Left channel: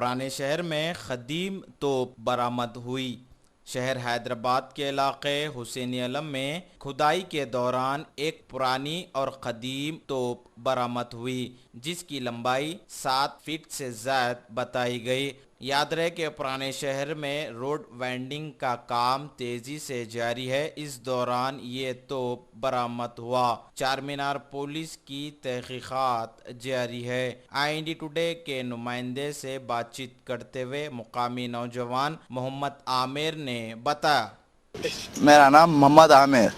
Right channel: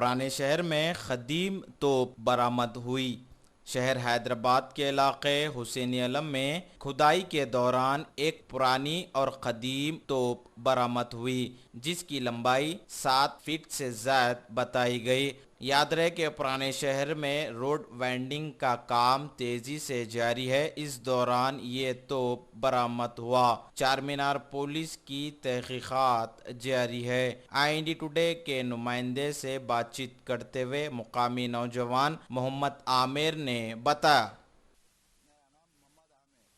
पुराने शहर में खदीम तोप बरामद हुई। शहर हैदराबाद के इलाके हुसैनी अलम में खुदाई के दौरान एक पुरानी और कदीम तोप बरामद हुई, जिसकी लंबाई 7 फीट से ज़्यादा बताई गई। याद रहे कि पुराने शहर में रोड वाइंडिंग का काम तेजी से जारी है। इस दौरान ये तोप बरामद हुआ। चार मीनार पुलिस की तहकीकात जारी है। IND टुडे के नुमाइंदे से बातचीत करते हुए मुकामी नौजवान मोहम्मद आमिर ने बताया। मेरा नाम मोहम्मद आमिर,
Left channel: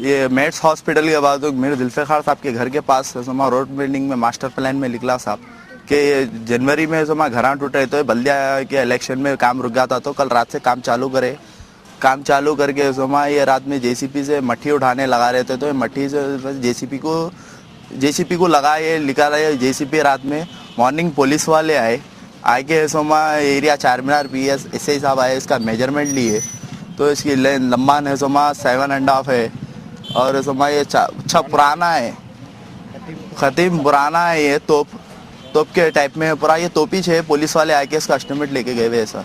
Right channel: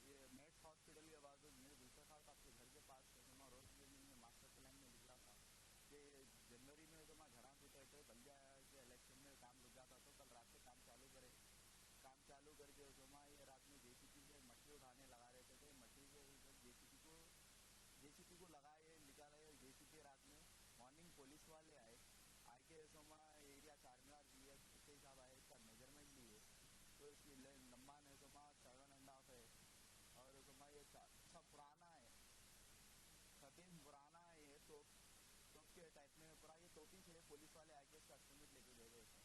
ये मेट्स हॉस्पिटल के बाद मेरे जुल्फ़िकार साहब के घर के पास रोड बिल्डिंग में मास्टर प्लान में निकला साहब कि जनवरी में घर टूट रहे तो बल्दिया के इलेक्शन में काम रुक गया था, तो कल रात से काम चालू करके ये रात में JCP से मट्टी उठाने लगा रहे थे। तो मट्टी से JCP को लगा ये निकाला है JCP। रात में मॉर्निंग पुलिस वाले आए के एरिया चार मीनार PS SI साहब आए, इसका मेजरमेंट लिए तो इसकी लंबा है 7.5 है और ये अच्छा पुराना है, खतीम पुराना है। ये तोप के टाइप में पूरा ये तोपी है। पुलिस वाले आके इसका एस्टिमेट लेके गए हुए सर।